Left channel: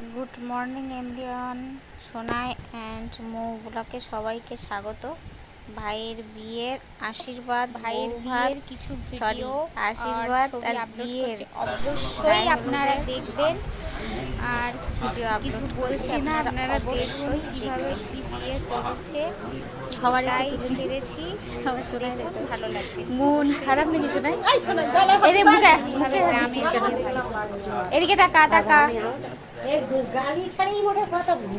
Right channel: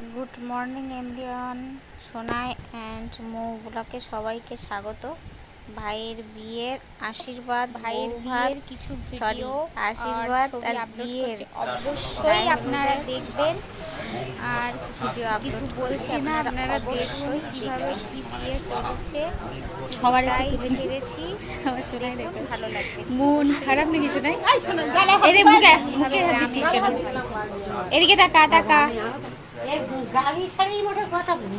Good morning everyone, Sonai and Mou ব্লগে সবাইকে স্বাগত। ভাইয়ের বিয়ের আশীর্বাদ, ভাইয়ের বিয়ের কিছু ভিডিও আশীর্বাদ আর বিয়ের অবশ্যই আপনারা দেখবেন। আর ভিডিও কিছু বলছি না, আপনারা দেখুন কিভাবে কি বিয়ে চলছে। সবাই ছেড়েছি, দেখুন ভালো লাগবে। মন খারাপ নাকি শোনাই? এদিকে তাকা তাকা। গালি ছাড়াই মোটে কথা বলি।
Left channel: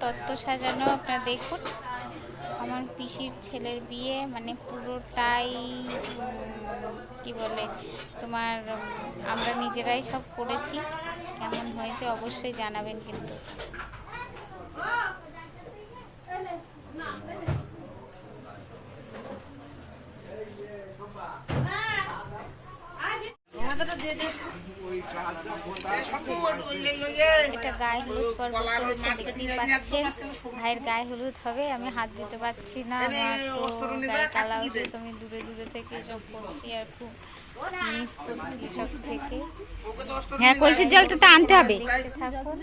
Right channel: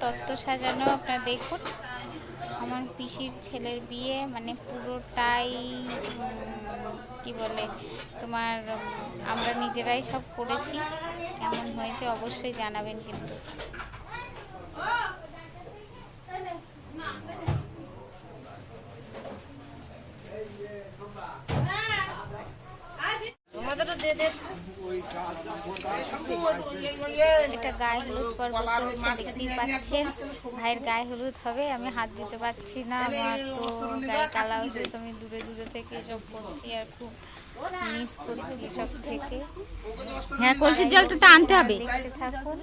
তত্ত্ব সাজানো আপনারা দেখুন। আমার পিসির ছেলের বিয়ে, মানে পুরোটাই কি বলে তোমার আমরা নিজেরাই সব করেছি। কেমন হয়েছে অবশ্যই জানাবেন কিন্তু। এটা গায়ে হলুদ পর্ব চলছে, দেখতেই পাচ্ছেন। ভাইয়ের গায়ে হলুদ হবে, আমি হাত দিতে পারছি না, আমার তো গায়ে কালা হলুদ। আমি দূরে দূরে থেকে সব করছি আর খুব মিস করছি সব থেকে। হ্যাঁ, কলসির জলটা আনতে হবে। দেখতে থাকুন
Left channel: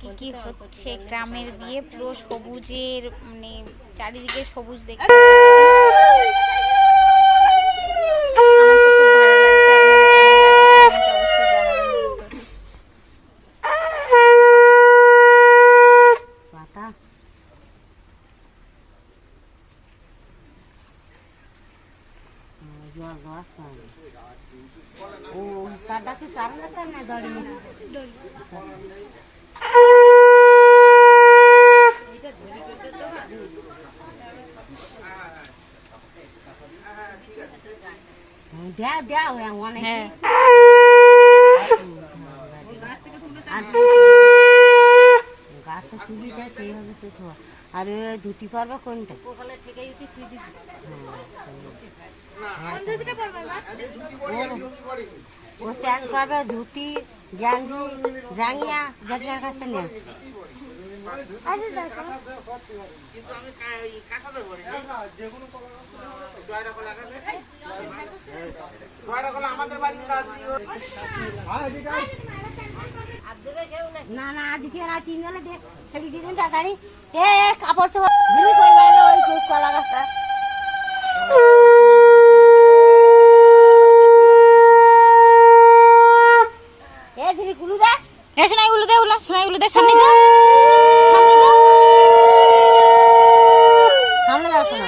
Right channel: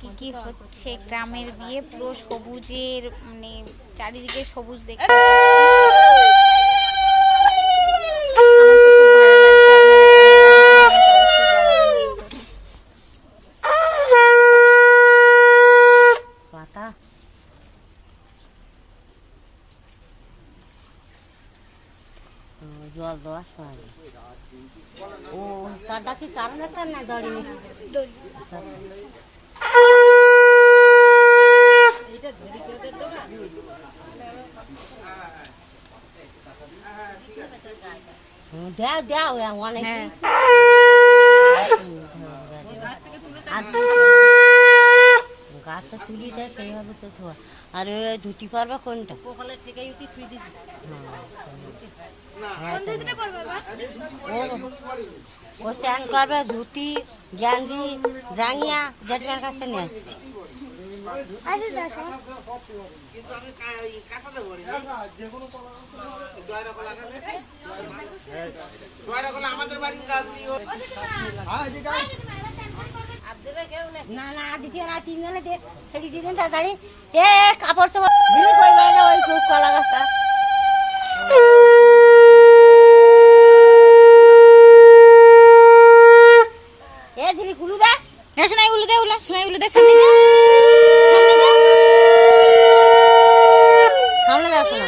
কি কি হচ্ছে। গ্রামের বিয়ে, পুরো সবুজের, মানে চারিদিকে সবুজ দেখতে পাচ্ছি। জল দেওয়ার সময় ও তারটা কি কারণ একটা না দড়ি দেও দেও অনেক গাছটা তুলি দেয় সেইভাবে তো ধোয়া। আর ধুতি পারবা কোনটা থেকে থুই দিচ্ছি। ও স্যান করবে ধুতি গেঞ্জি জাঙ্গিয়া জেঠার কাছে নেয়। না না দিকে না তিনজনে ফেলি দিলেন তাড়াতাড়ি। এ কাপড় চোপড় ওই কলা গাছটা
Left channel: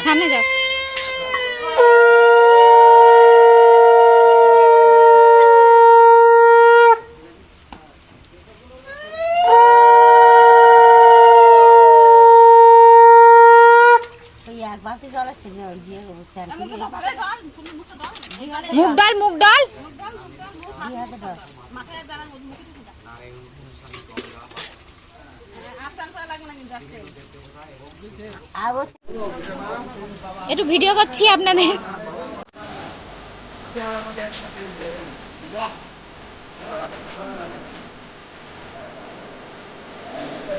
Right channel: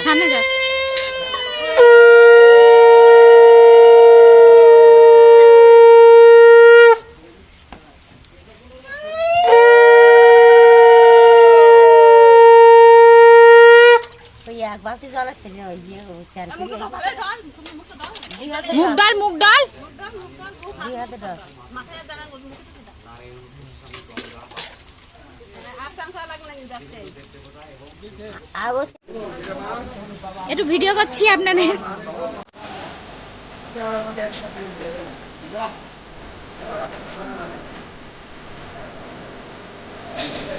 সামনে যাও। মুগ ডাল মুগ ডাল একটু ভিডিও করছি আপনাদের।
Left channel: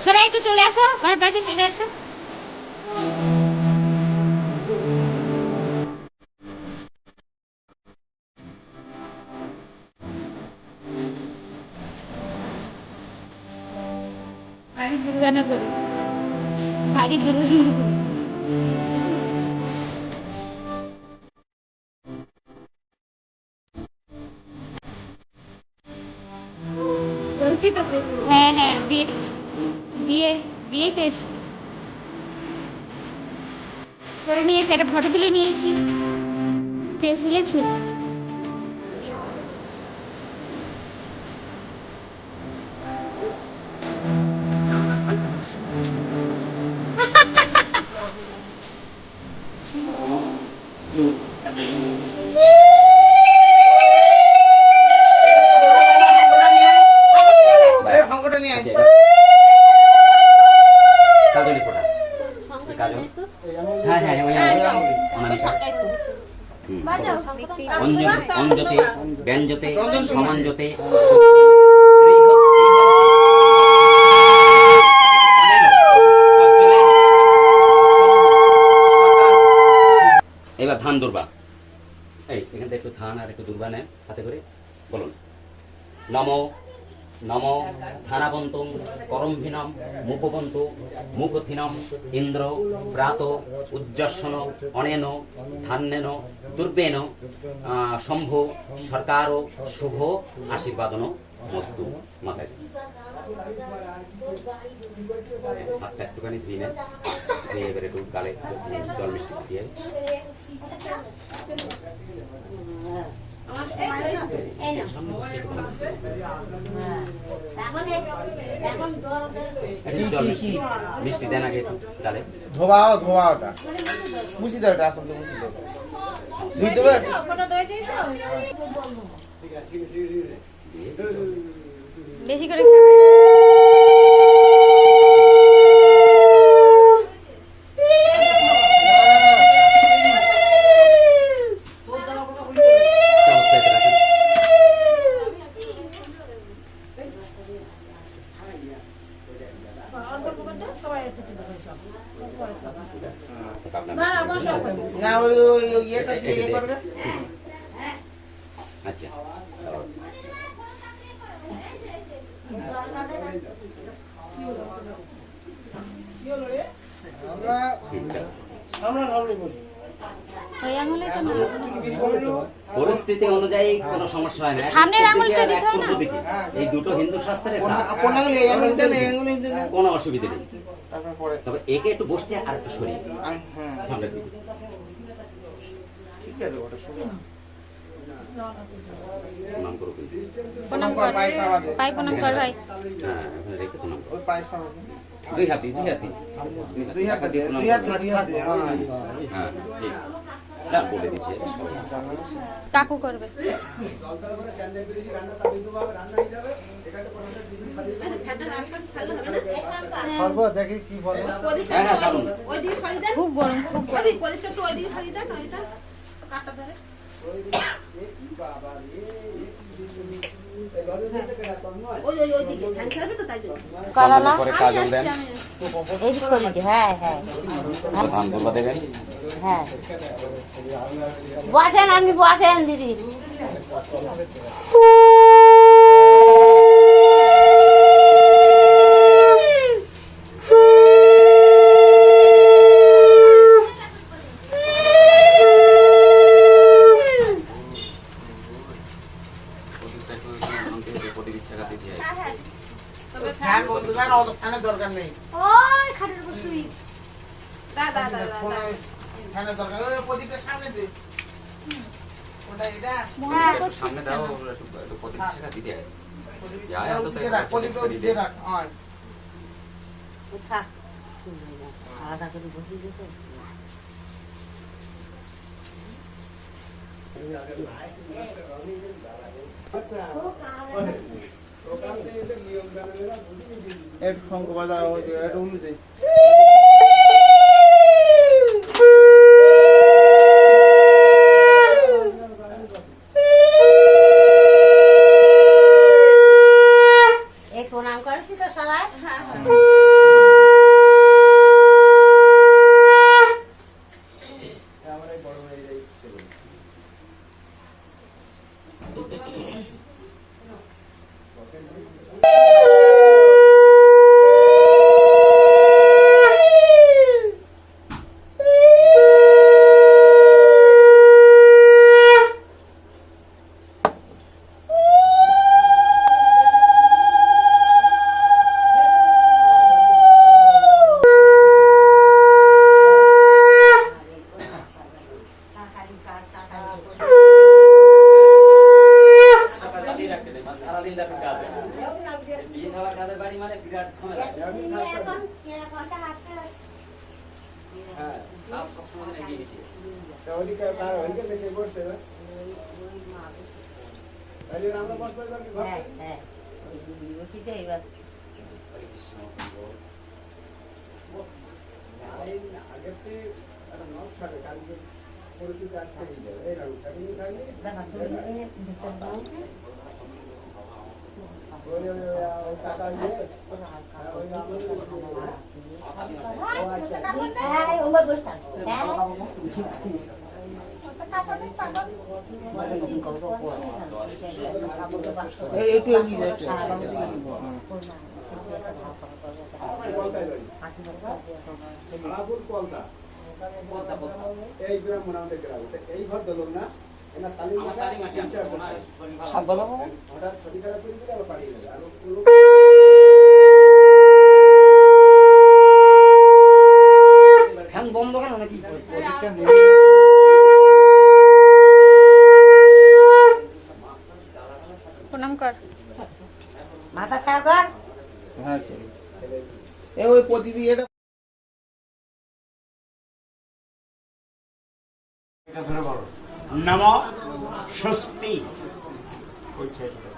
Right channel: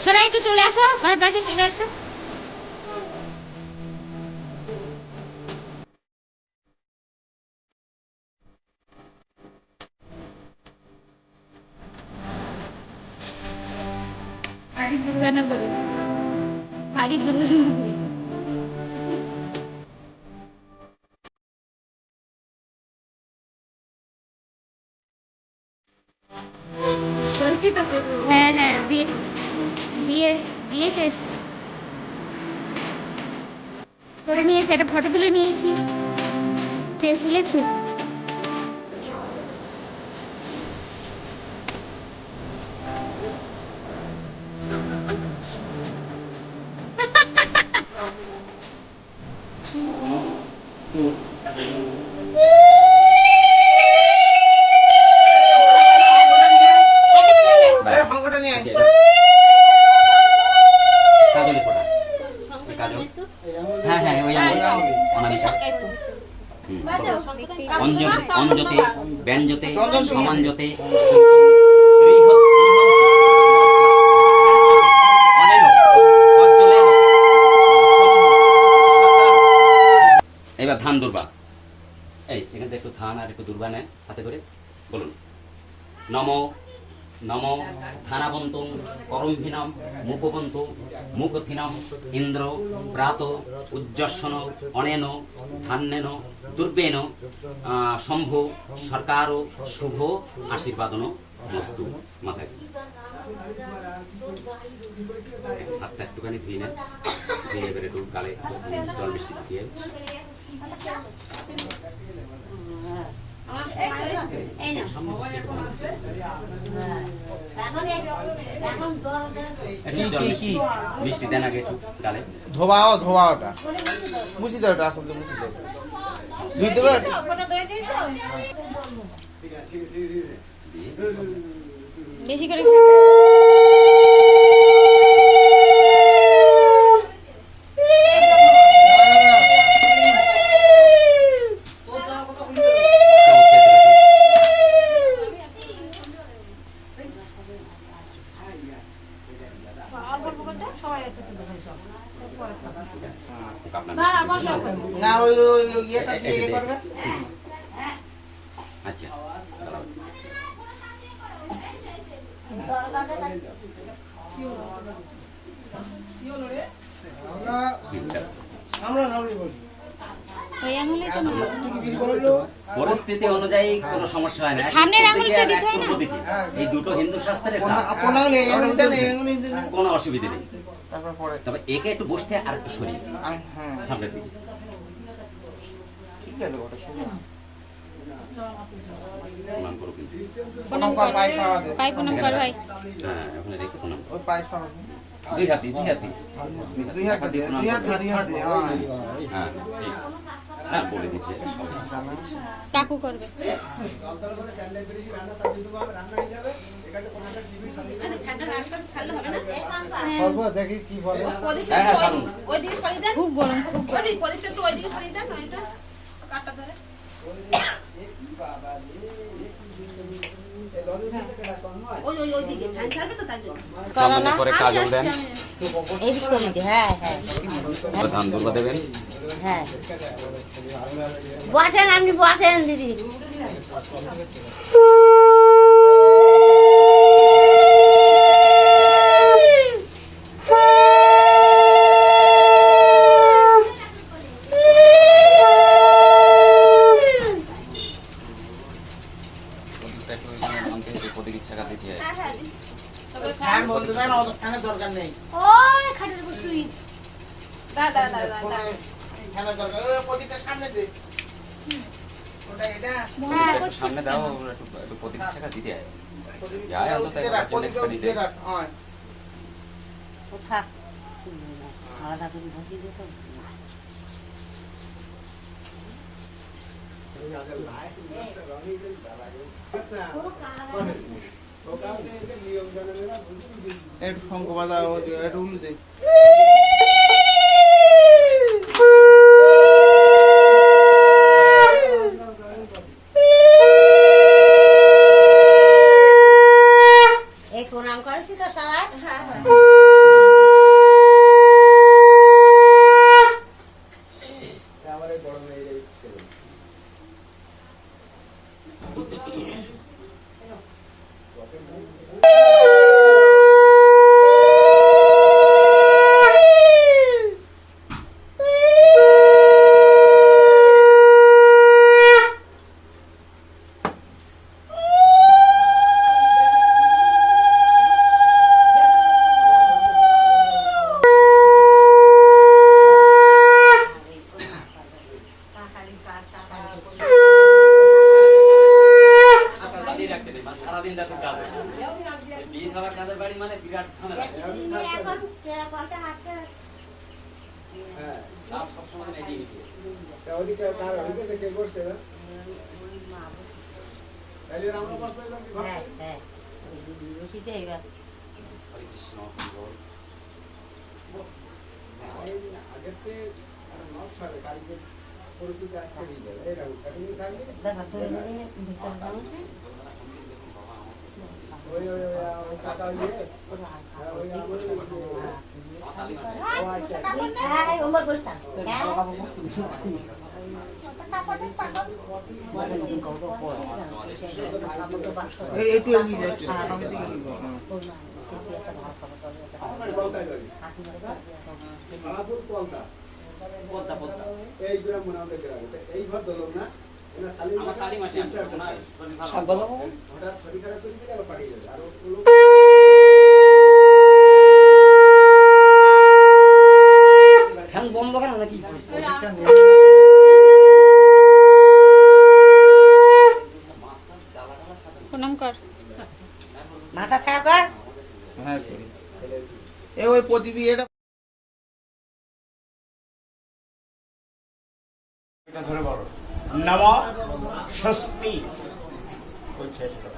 সবাই একটু চলে আসো, ঘরের পাশে চলে আসো। বাড়ি দুর্গানা করি, বাড়ি দুর্গানা করি। বলছি তো, হ্যাঁ হ্যাঁ, বিয়ে বিয়ে বিয়ে কেস করে নিয়েছি, একটা ফটো তুলে নিয়েছি, ফেস তুলেছি। অঞ্জতে ব্যঞ্জতে সমাঞ্জতে দুর্বা। এই এখান থেকে একটু থান আর একটু দুর্বা নেন হাতে করে বলুন। নম নম থানাবন্তং করম্ভিনম মুখবন্ত মুখথিনম ইন্দ্র প্রাত উজ্জস্বন অনেন ধান্যেন দুর্বেন শম্ভু সরকার শুভ আশীর্বাদন মস্তু। মাথায় হাতটা একটুখানি ধুয়ে নেন, ধুয়ে এবারে একটু গালে জল মিষ্টি দিয়ে মিষ্টি দেন আগে একটু গালে ধোয়া ওটা মুছি দাও, এটা আসলে মুছি দাও, ধুই দেবে। বেশি করে খাবে। না ওই ইয়েটা দিয়ে ইয়ে করবে। আচ্ছা ওই আঙুলে তো না, পরিস্থিতি অনুযায়ী কোনো সমস্যা হয় না। সামনের আঙুলটা দিতে হয় না? এই দুটো হিন্দু শাস্ত্রে কোন আঙুলে এই আঙুলে দেন, এই আঙুলে দেন। কোনো অসুবিধা নেই। তারপর পরে তবে একে একটু বসতে আর একটু সরিয়ে হ্যাঁ সামনের দিকে। ঠিক আছে, ওটা শুনো। প্রণাম করো কিন্তু। প্রণাম কর ভাই, প্রণাম কর ভাই। হ্যাঁ ওখানে রেখে প্রণাম করো। ওই পায়ে সরো। দুই হাতি দুই হাত দিয়ে, দুই হাত দিয়ে, হ্যাঁ। হ্যাঁ ঠিক। হ্যাঁ বলে দিতে কাকু করবে। সর্ব দেখি কি বলে। হ্যাঁ হ্যাঁ ছাড়ুন। খুব গরম, খুব গরম। করো না, করে কাজল দেন। এই করি দি, হ্যাঁ হ্যাঁ ধান দুর্বা দেবেন। হ্যাঁ বসেন, আপনি বসেন দিদি। ফ্যান বন্ধ দেন, অত ফ্যানের দরকার নেই। ওই খাটের উপর সুইচ। ফ্যানের দরকার, ওই প্রদীপটা সামনে দে। ওটা এটা সামনে দাও, একটু প্রদীপ ছাকা দিতে হয়। যায় অন্তত ওদিকে রাখ, প্রদীপটা ওদিকে রাখ। হ্যাঁ থাক, আলাদা করে বসিয়ে দিয়েছে। একটু শঙ্খ বাজাও, একটু উলু দে। এই প্রণাম করেছি তো সবাই। সারাদিন রাতে কাজ হয়। বিয়ে খাওয়ার কাজের বাড়ি মানে বিরাট ঝামেলা। কাজ সবসময় এগিয়ে নিতে হবে। হ্যাঁ হ্যাঁ বসিতে এবার হরে কৃষ্ণ দেখা তুলে নিয়ে ভিতর দাও। হ্যাঁ ওমর বসতাম। হ্যাঁ একটু এগিয়ে যায়, একটু সামনের দিকে নিবো। ফ্যান বন্ধ কেন নাকি? প্রণাম কর। মাথা ছায়া কর। হ্যাঁ করি। ওই প্রদীপী এটা ধরে বলো নমো স্বস্তি। ওই ছেলেটা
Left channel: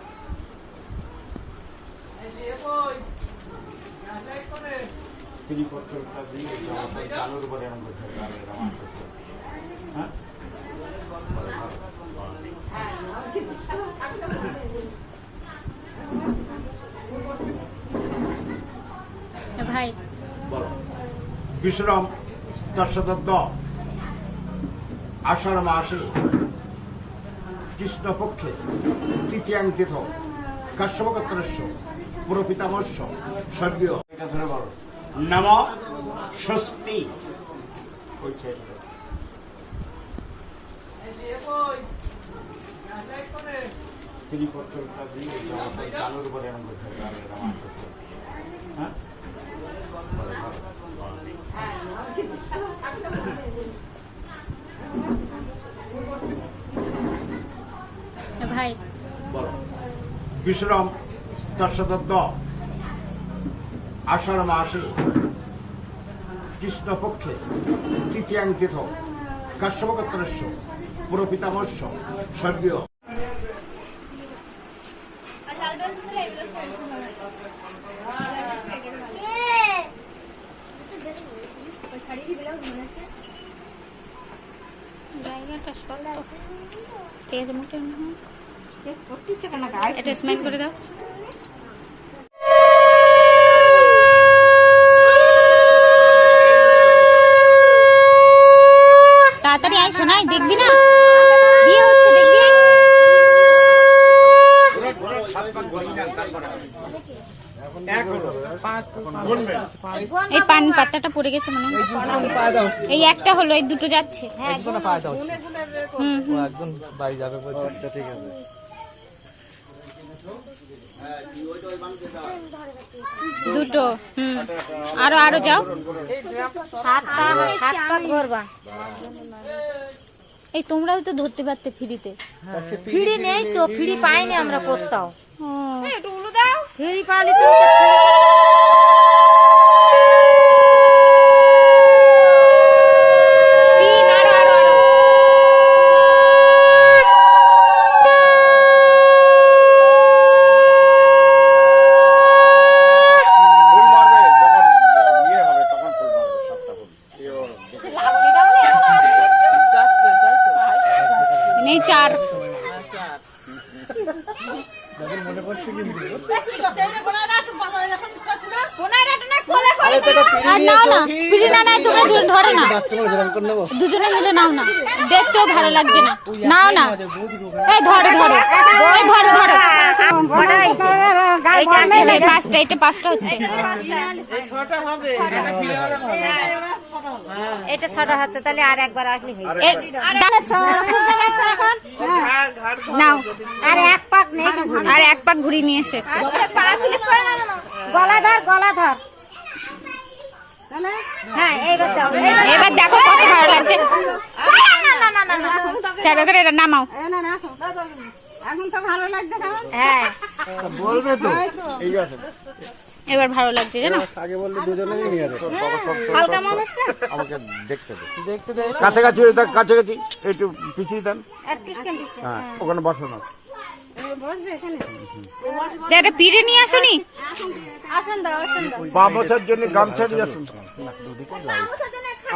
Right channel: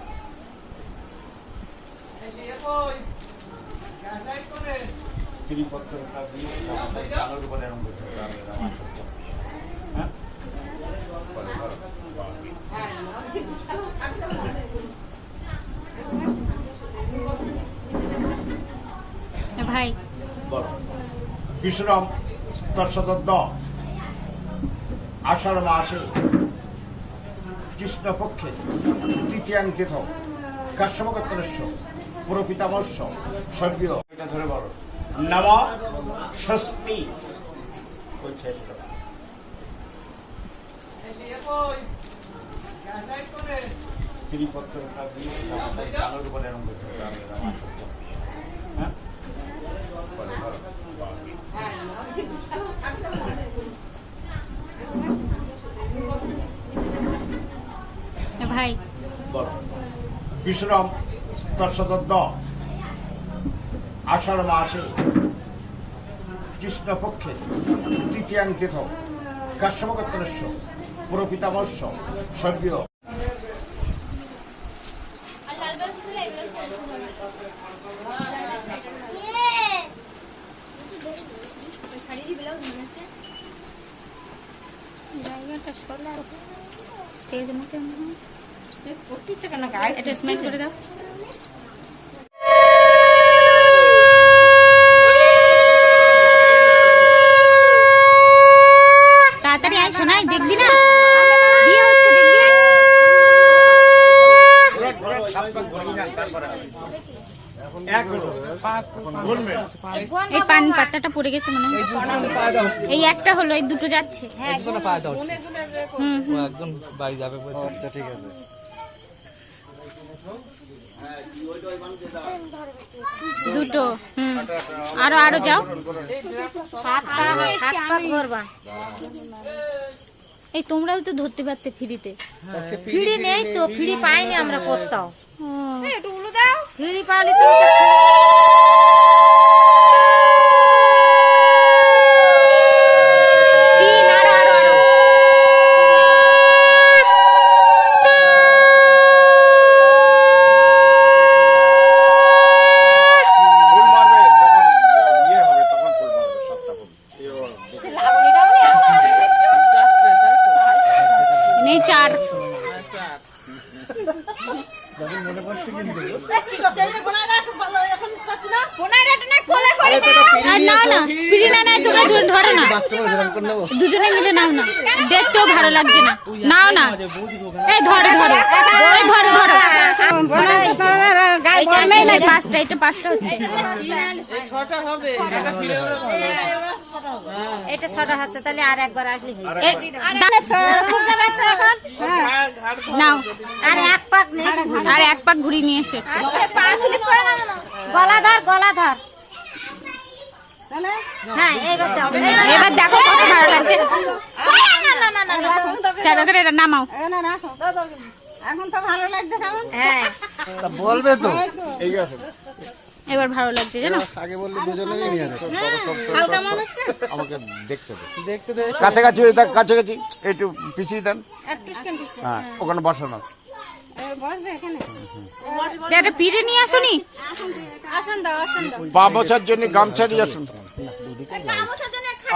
চালুর উপরে এরকম করতে হবে। হ্যাঁ ভাই বলো বিশ্রাম দর্শদ আষাঢ় মাসে কৃষ্ণপক্ষে তৃতীয়াঙ্কিত কাশ্যপগোত্রস্য পুরপিতামস্য স্বর্গীয় এটা ধরে বলো নমো স্বস্তি। ওই ছেলেটা চালুর উপরে এরকম করতে হবে। হ্যাঁ ভাই বলো বিশ্রাম দর্শদ আষাঢ় মাসে কৃষ্ণপক্ষে তৃতীয়াঙ্কিত কাশ্যপগোত্রস্য পুরপিতামস্য স্বর্গীয় এটা স্মাইল করে দাও। তাড়াতাড়ি আয় শোনাই, দেখবি না বিয়ে হচ্ছে, দেখবি আয়। এই পান পাতাটা পড়ে গেছে মনে হয়। এই একটা হলো, এই দুটো যাচ্ছে। একদম বাড়ি যাবে বলছে। আচ্ছা ঠিক আছে। দুটো আরো আরো যাও। এই তোমরাও তো ধরতে পারতে ফ্রিতে। ফ্রি নেই তো, ফ্রি পাইনি আমরা কোথাও। একটু উলু দাও। ফ্রি পালি তো তিন, আরো আরো আরো। ফুল মারবে যখন ইয়ে হবে তখন ফুল মারবে সবটা ফুল। নেই চার। দুজনে মিলে নাও না, দেখতেও ভালো লাগছে না। নাও না, এই ধরো ধরো, ওই ধরো ধরো। পাঁচটা, এটা পাঁচটা হচ্ছে। এটা ছটা হচ্ছে, তাহলে আর একবার আসলে নাও, আর এক পাক নেই, আর এক পাক ঘুরিয়ে নিয়ে এসে। গলা ধর, গলা ধর। হ্যাঁ এইবার দাও। এবার দেখো কত ভালো লাগছে। চার করে এটা নামাও। এখন তো ভালো লাগছে কেমন? হ্যাঁ বলবে তো এই আছে। এবার ভালো লাগছে জানো। আগে বললে দুজনেই নিয়ে যাবে। হালকা মানুষ না, আমাকে দেখতে দে। কাছাকাছি কাছাকাছি একটু পিছিয়ে দেন। একটু স্ক্যান হ্যাঁ ওখানে বসানো। বসবে এখানে। এটা পিড়ে নিয়ে আসুনি। আসুন দাও, আসুন দাও। পা বসার জন্য গামছা দিয়ে আসুন।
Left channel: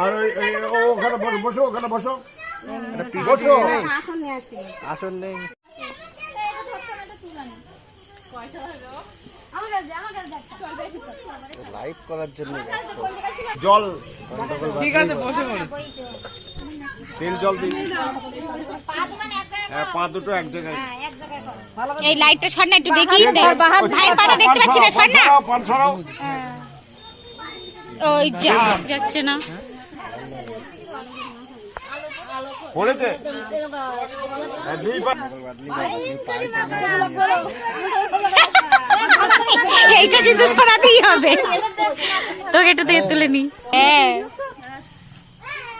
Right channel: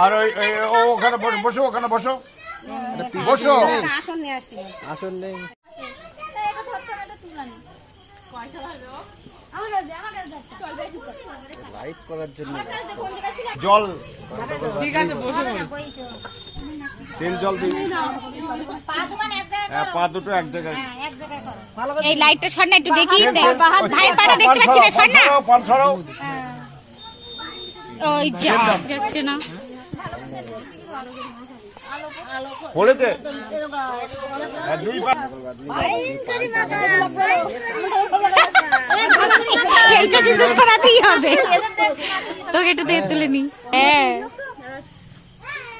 আর ওখানে বসো, ওখানে বসো বসো। আসুন নিয়ে আসছি। আসল নেই। লাইট করার জন্য জল ঠিক আছে বসে পড়ি। তেল জল দিই হ্যাঁ, পা দুটো এক জায়গায় এই লাইটটা সর না একটু দেখি, ভাইয়ের পাটা দেখতে পাচ্ছি না, সর না। পান ছড়াও ওই যাচ্ছে না। পড়েছে আর দুই পা এইটা কিন্তু করাতেই হবে, তোকে একটু দিয়ে তুলে নি। হ্যাঁ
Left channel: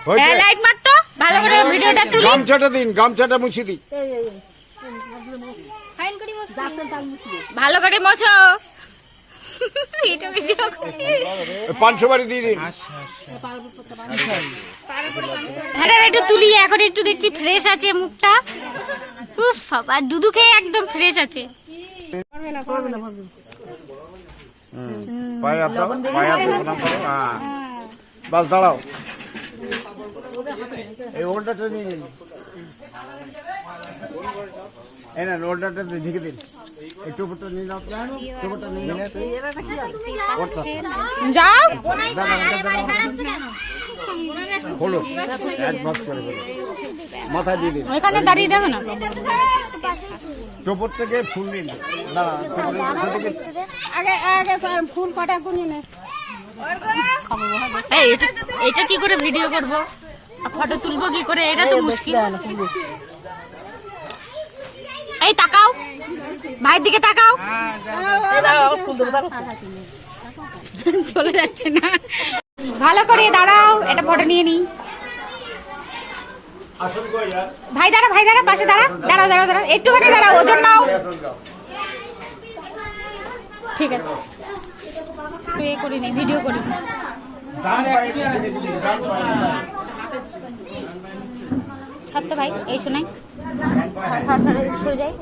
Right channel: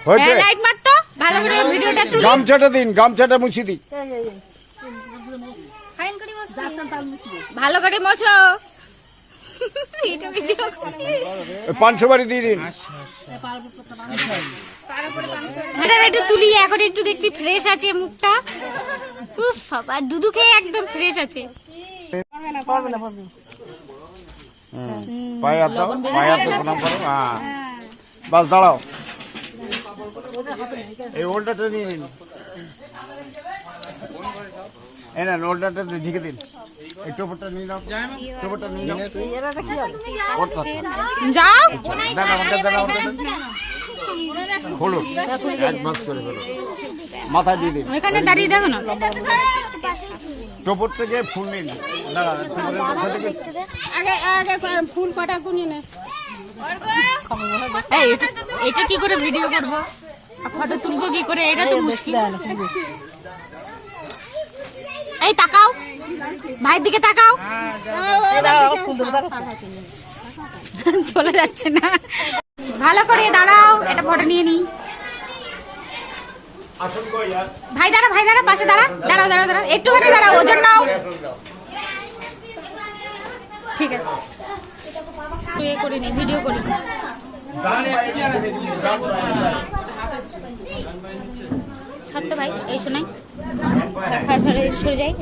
হয়েছে লাইট মার তো, ভালো করে ভিডিওটা তুলি। গামছাটা দিন, গামছাটা মুছি দিই ভালো করে মোছো। এটা ভিডিও পাঁচশো বাড়ি দিয়ে দিন হ্যাঁ একটু তুলি, এখন একটু দেখছি ফ্রেশ আছে মুখটা। উফ বাবা, দুধু খেয়ে একদম ফ্রেশ আছে। পায়ে হাত দাও, পায়ে হাত দিয়ে প্রণাম করো। হ্যাঁ বাস দাঁড়াও, এই ওলটাটা নিয়ে নিন, এই না ওলটাটা ঢেকে দিন, এই টোপরটা নিয়ে নাও, টোপরটা নিয়ে নাও, যাও খোলো এক মাস করে ফেলো, মাথা দিয়ে দিন, ওইখানে দাঁড়িয়ে দেখো না। টোপর থেকে ফুল নিন, আগে ফুল কটা গুনিয়ে নে। এই এটা কি করে ভিডিও করবো, ফটো তুলবো কি করে, এটা তো মুশকিল। এই তাকাও, ভাইয়ের দিকে তাকাও, চলে যাচ্ছে না, ভালো করে দাঁড়াও, এটা ফটো নিয়ে নি। আসুন কই আর ভাই দাঁড়া, ভাই দাঁড়া, পাশে দাঁড়া, দাঁড়াও দাঁড়াও দাঁড়াও, একটুখানি দাঁড়াও, ওজন নাও। ঠিক আছে, একটু এ করি নি, ভিডিও করি। ছাড় তো ভাই, এই শোনাই সরে যাই,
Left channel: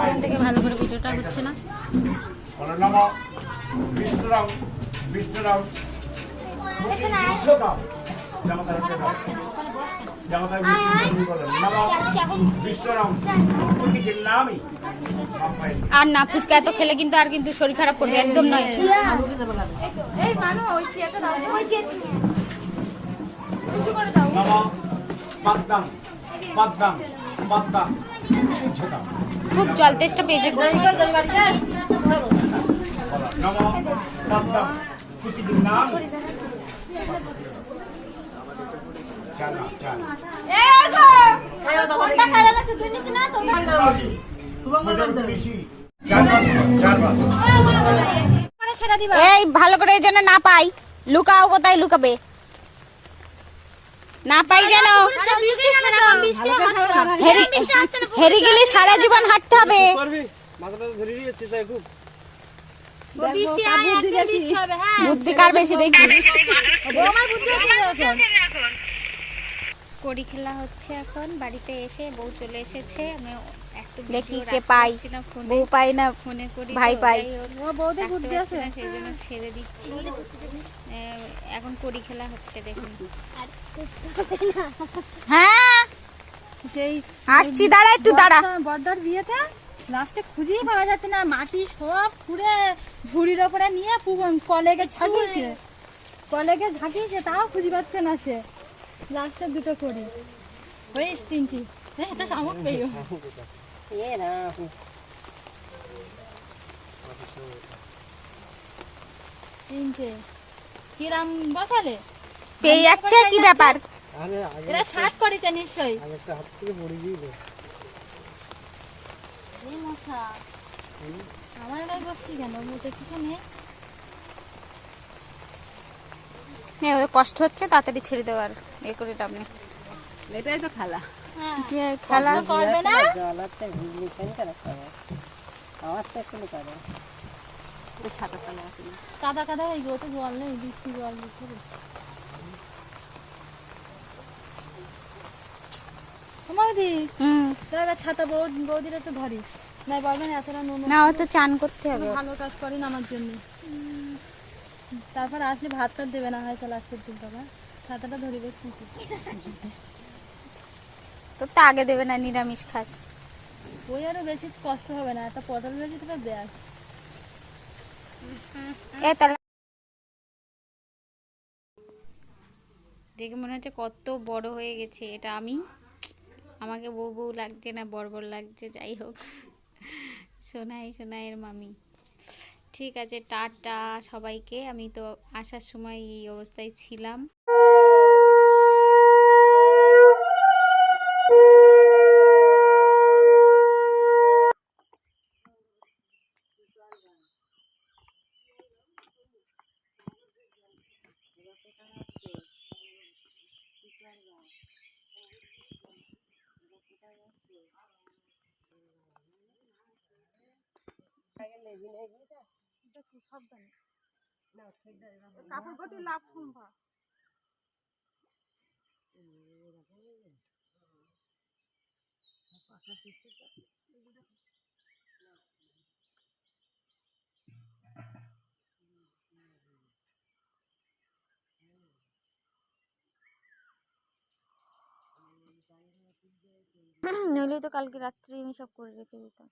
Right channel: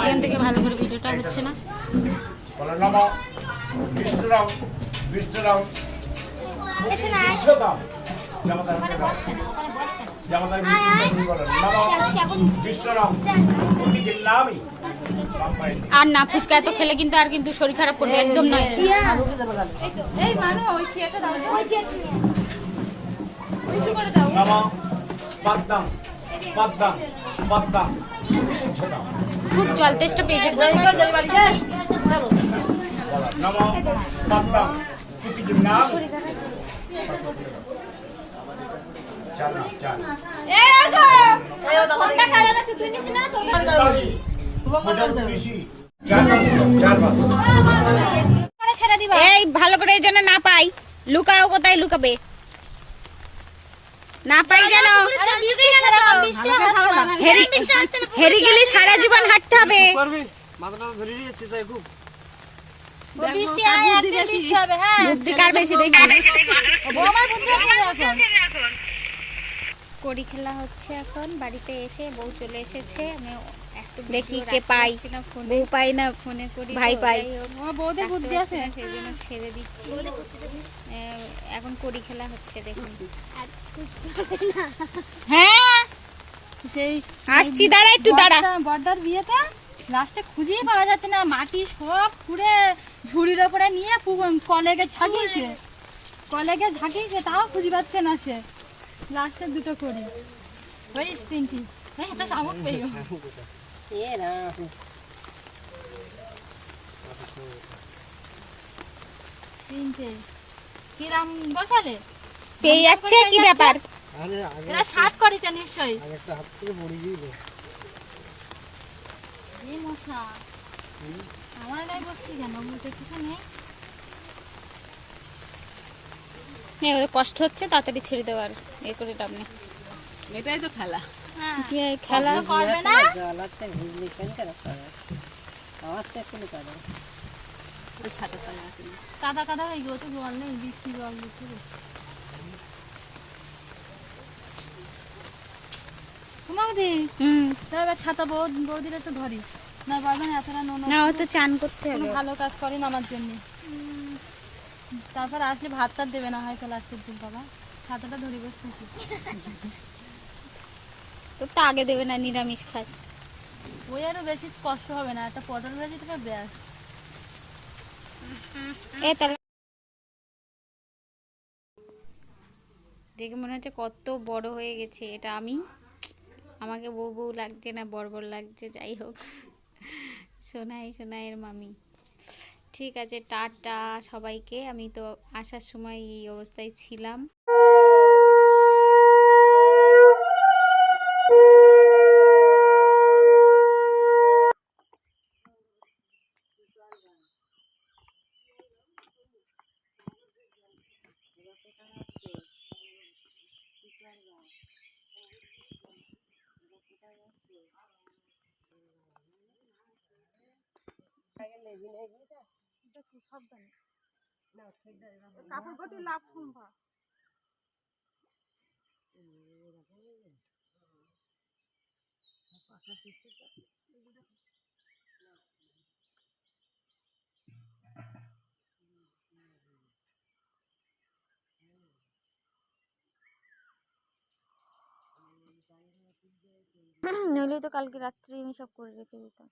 এখান থেকে ভালো করে ভিডিওটা হচ্ছে না। বলো নমো বিষ্ণুরাম, বিষ্ণুরাম বিষ্ণু দাও, জামাতা দাও, জামাতা বিষ্ণু বলো নমো বিষ্ণুরাম, প্রতিকে নামই বাপাই। আর না, ফুচকা এত খেলে কিন্তু আর কিন্তু শরীর খারাপ করবে, একদম নয়। নমো পদ্মম, পদ্মম, পদ্মম ছোটাও, খুব জল তেষ্টা পেয়েছে। নমো পদ্মম, প্রতিকে নামই। চল না চল এই ভালো করে যেন না পাই, লুকাও, কোথায় লুকাবে না পাই যেন, হেরে গেলে সারা জীবন হাঁটতে হবে। বুদ্ধি কার বেশি দেখি। কড়ি খেলা হচ্ছে এখন, বাড়িতে এসে বউ চলে এসেছে, আমি একটু দেখি কে পাই, বউ পাই না ফোনে করি, ভাই পাই, সেই জন্য ছেড়ে দিচ্ছি। এখন কড়ি খেলা হচ্ছে দেখুন। হ্যাঁ আসছি, দাঁড়া একটু দাঁড়া। বর্দার বিয়েতে লাস্টে খুঁজেই পাওয়া যাচ্ছে না, মাটি সব খুঁড়ে ঝুড়ির ওপরে নিয়ে কলেগে ঝাঁকিয়েছে, তাও খুঁজে পাচ্ছে না সে। লাস্টে দুটো করি হয়েছে, তিনটি এটা শামুক পেয়ে তিনটে কিরাম বসালে পেয়ে যাচ্ছে, কি ব্যাপার? এরা 60 করেছে নিশ্চয়ই। এই মশা আমার গায়ে বসছি কেন, বলতে কিছু নেই। কষ্ট হচ্ছে, তাড়াতাড়ি ছেড়ে দেওয়ার এ করে লাভ নেই। এটাই তো খেলা, খেলা করবে না কাদা কাদা হয়ে গেল, তো জল নেই, বৃষ্টি জল দিচ্ছে। বৌদি ছাতা বৌদির একটু ধরিস না, পারবেন এতটা নুন না, ও তো চান করতে হবে, ভালো কাজ করেন আমার জন্য। তারপর আসলে ভাত টাত দেবে না হয়তো লাস্টের দিন, বাবা ছাতাটা ধরে বসছি। তো তা আগে দেবে না, নিরামিষ খাস, ওই আরো বেশি কষ্ট হবে না, একটা পটল ভেজে দেবে ব্যাস। এ তাহলে দেখে মনে হচ্ছে কত বড় হয়ে গেছে। এটা আমি, আমাকে বউ বউ লাগছে না বড় বড় লাগছে, যাই হোক। সোনাইয়ের মামি। ঠিক আছে, টাটা সবাইকে। আমি তো আসার সময় এই অবস্থায় ছিলাম। নইলে তো কালকে রাত্রে আমি সব করে রেখে দিতাম।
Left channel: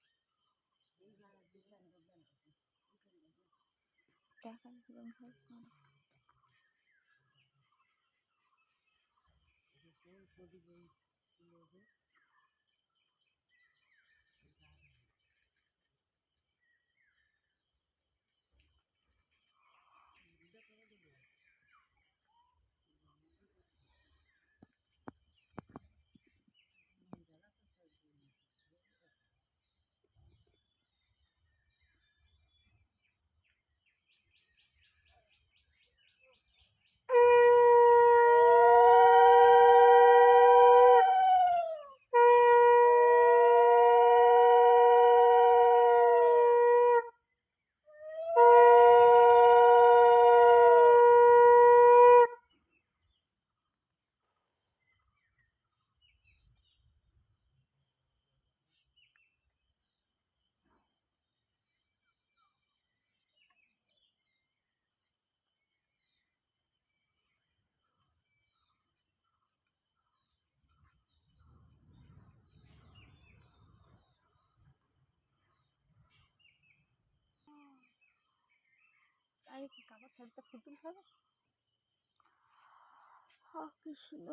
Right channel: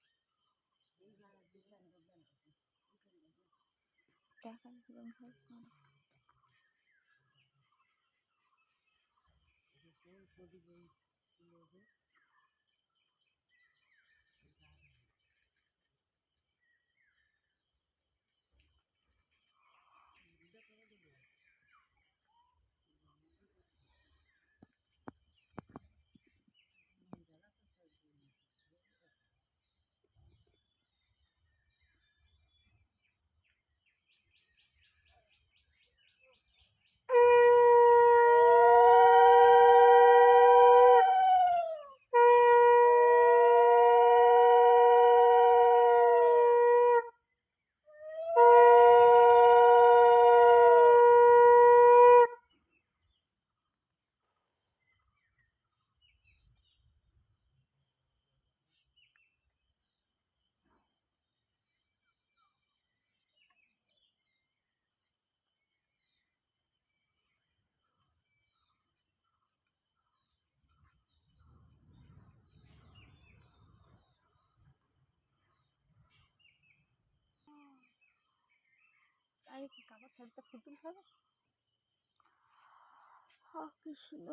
কৃষ্ণ।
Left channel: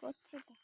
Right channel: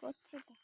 করছে তো।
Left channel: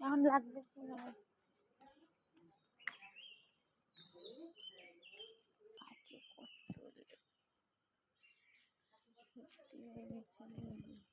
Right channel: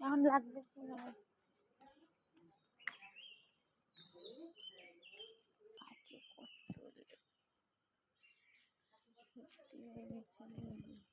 এখন লাগবে কি না? কাছে কত লেগে গেছে।